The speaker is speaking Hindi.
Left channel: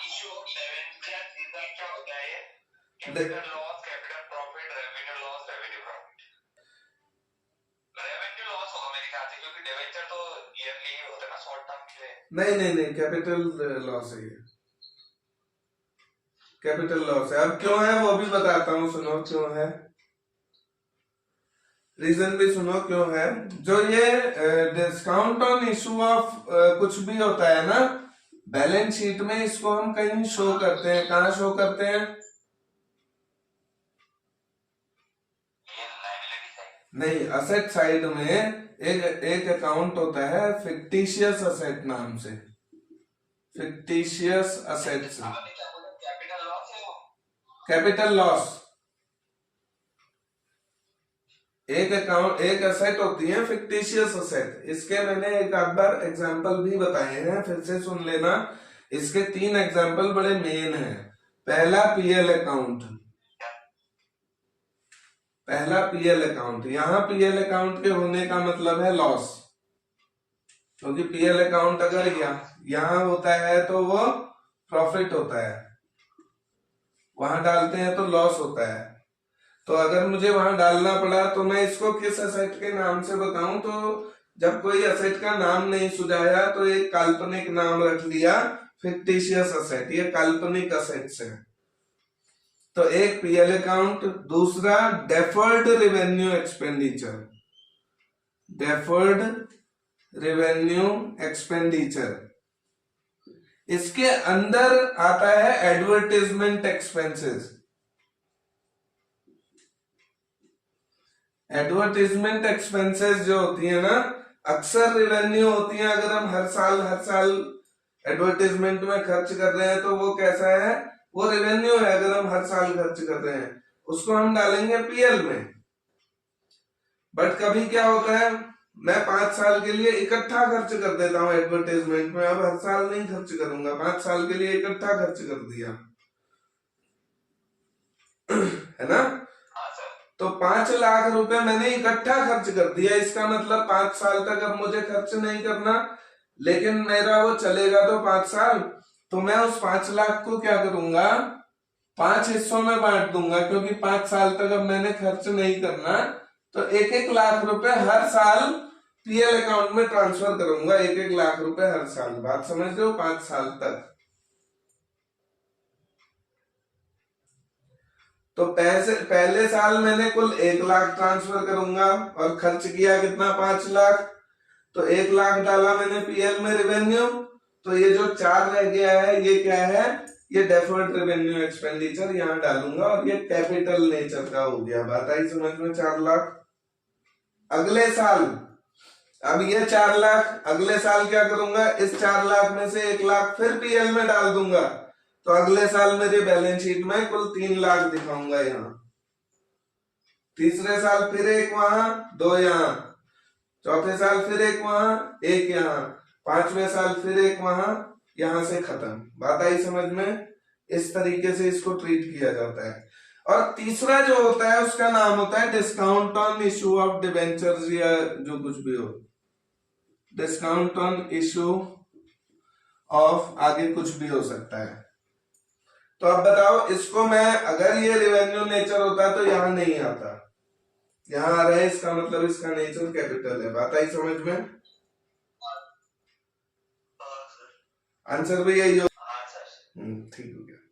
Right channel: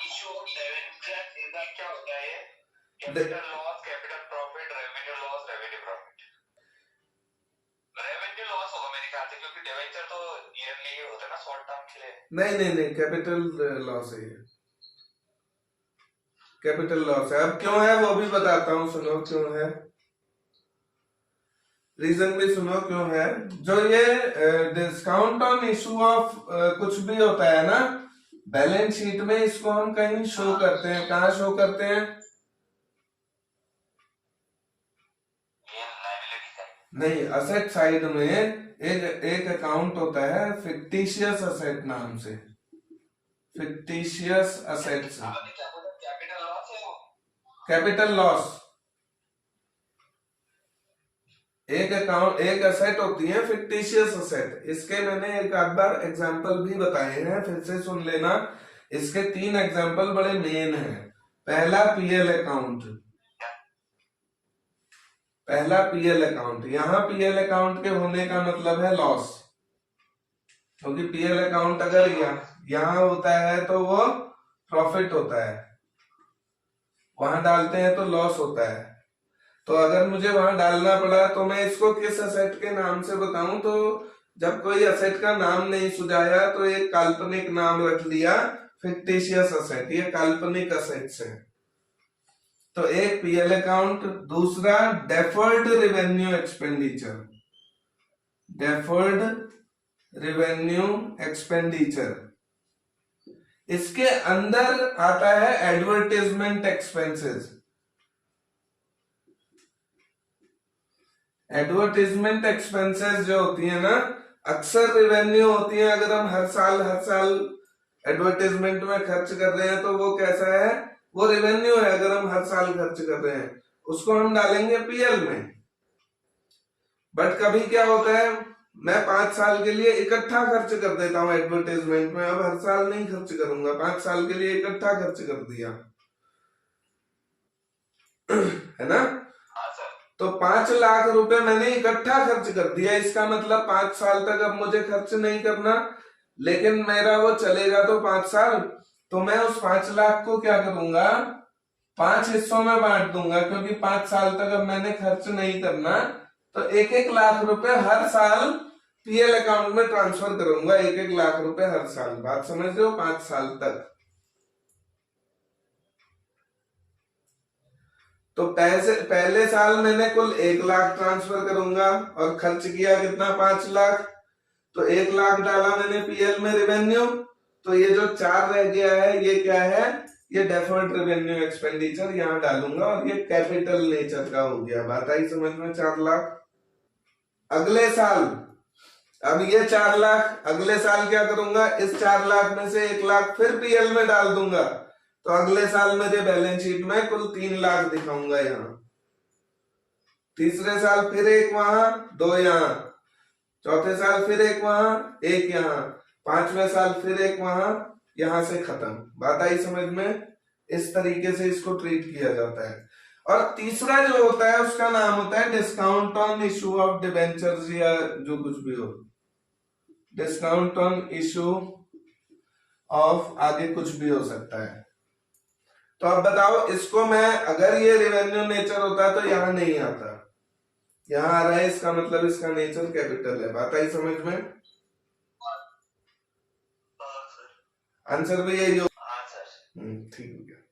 इशू ऑफ डिवेंचर इज क्या होता है ये? Capital loss, capital profit, revenue loss, revenue profit. Revenue loss होगा मेरे ख्याल से, क्योंकि डिवेंचर तो ईयरली ही होता है ना, शॉर्ट टर्म के लिए। नहीं, कैपिटल लॉस है ये, कैपिटल लॉस है। अब क्यों है वो भी बताता हूँ, सुनो क्यों है, रीजन भी सुनो क्यों है। जो ये डिस्काउंट ऑन इशू ऑफ कुछ भी होता है ना बैलेंस शीट में, इसको हम कहीं शो करते हैं, कहाँ शो करते हैं? नहीं, असेट साइड में एक अकाउंट होता है फिक्टिशियस असेट नाम से, फिक्टिशियस असेट्स, कैपिटल लॉस। एक अकाउंट, एक असेट होती है फिक्टिशियस असेट। इसके मैंने एक आध बार एग्जांपल भी बताए हैं, फिर से सुन लेना। इसके 3 एग्जांपल बड़े मेन हैं। पहला पीएल अकाउंट, पहला पीएल अकाउंट। यहां पीएल अकाउंट के होने का मतलब है लॉस, क्योंकि पीएल अकाउंट अगर यहां होता है तो वो प्रॉफिट होता है, वहां डालते हैं तो लॉस होता है। तो अगर मुझे वहां डालना पड़ा तो मैं इसको किस असेट के नाम से बताऊं? तो जब कोई असेट का नाम नहीं सुझाया तो एक काल्पनिक नाम रख लिया, फिक्टिशियस असेट। ये काल्पनिक असेट्स है। तो एक पीएल अकाउंट, दूसरा deferred revenue expenditure, deferred revenue expenditure. इसके अंदर आता है एडवर्टाइजमेंट एक्सपेंसेस। एडवर्टाइजमेंट एक्सपेंसेस जो होती है ना, अक्सर रेवेन्यू होती है। अगर हम हर साल एडवर्टाइजमेंट में खर्च कर रहे हैं तो वो कैसा है? वो रेवेन्यू है। अगर हम हर साल खर्च कर रहे हैं उसको हम डालेंगे पीएल में। बट कभी क्या होता है, मैं 5 साल के लिए इकट्ठा खर्च कर देता हूं एडवर्टाइजमेंट में। अब हर साल नहीं खर्च करूंगा, 5 साल के लिए इकट्ठा खर्च कर दिया है ना। तो 5 लाख रुपए मैंने इकट्ठा खर्च कर दिया। इसका मतलब 5 साल तक अब मुझे खर्च नहीं करना, लेकिन मेरा वो चलेगा तो 5 साल। तो मैं उस 5 लाख को क्या करूंगा, 5 हिस्सों में बांट दूंगा, क्योंकि 5 साल तक अब मैंने खर्च नहीं करना। तो 1-1 लाख रुपए हर साल पीएल अकाउंट में ट्रांसफर करूंगा, 1-1 लाख रुपए हर साल। बात समझ रहे हो? 5 साल तक। तो पहले साल मैंने कुल 1 लाख ट्रांसफर करूंगा और खर्च किया कितना? 5 लाख। तो 1 लाख डाला मैंने पीएल में रेवेन्यू। तो ये जो 4 रह गया है ये क्या है? ये डेफर्ड रेवेन्यू एक्सपेंडिचर यहां डालूंगा, और ये कैपिटल नेचर का हो गया। बात आई समझ में? 4 लाख। अगले साल अब ये 4 लाख, अगले साल क्या करूंगा, इस 4 लाख में से 1 लाख फिर पीएल में डाल दूंगा। तो अगले साल मेरे बैलेंस शीट में कुल 3 लाख दिखाऊंगा यहां। तीसरे साल फिर 1 वहां, 2 यहां। चौथे साल फिर 1 वहां, 1 यहां। 5वें साल फिर 1 वहां। यहां से खत्म। बात आई समझ में? इस तरीके से इसको ट्रीट किया जाता है। और तीसरा जो होता है उसका नाम होता है discount on issue of debentures, या जो कुछ भी हो, डिस्काउंट ऑन इशू ऑफ आगे कुछ भी हो सकता है। तो अब बताओ, इसको मैं, अगर ये रेवेन्यू नेचर होता तो यहां नहीं आता, यहां आ रहा है, इसका मतलब इसका नेचर कैपिटल है। बात आई समझ में? आंसर भी यही